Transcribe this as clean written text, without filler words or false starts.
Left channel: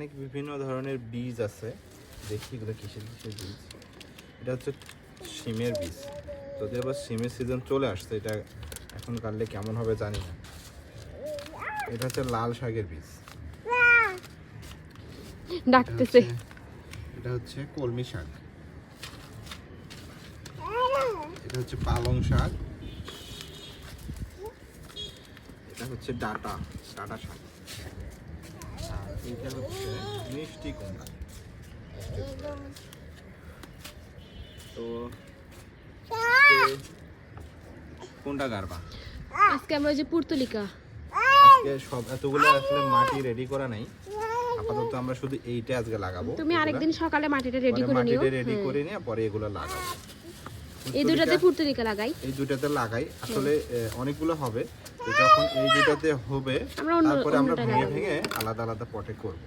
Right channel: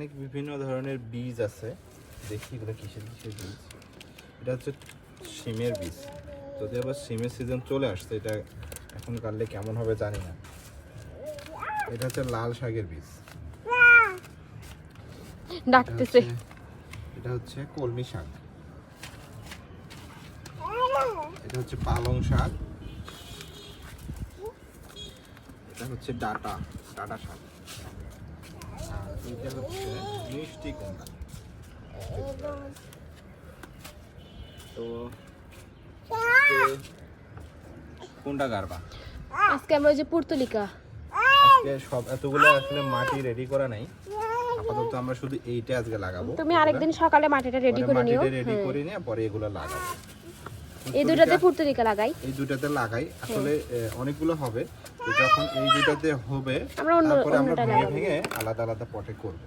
এখানে বিভিন্ন ধরনের বীজ আছে, দেখি এগুলো কিসের কিসের বীজ। এটা হচ্ছে শিমের বীজ। যদি আবার শিমের সিজন চলে আসছে, এটা এখন কাটলে কেমন হবে জানি না। এটা হচ্ছে লাল শাকের বীজ। ডাকতেছে। এটা হচ্ছে কলমি শাক। এটা হচ্ছে পালং শাক। এটা হচ্ছে ডাটা শাক। আর এটা হচ্ছে মিষ্টি কুমড়া। তো কোনটা গারবা? আজকে আমরা ওই যে পুর্তলিকা, আজকে সব এতগুলো আসলে মাটি রেডি করা নাই, আপাতত আমরা শুধু এইটা আজকে লাগাবো। তুমি আরেকদিন সকালে মাটিটা রেডি করে নিও। মাটিটা রেডি করে নিয়ে পরে এগুলো লাগাবো। এই দুটাতে পুর্তলিকা লাগাই। এই দুটাতে লাগাই আসলে অনেকগুলো হবে। তো যখন এই দুটাতে হবে আমরা তারপরে আমরা অন্যটা ভেঙে লাগাবো। ভেঙে আলাদা আলাদা পটে করব।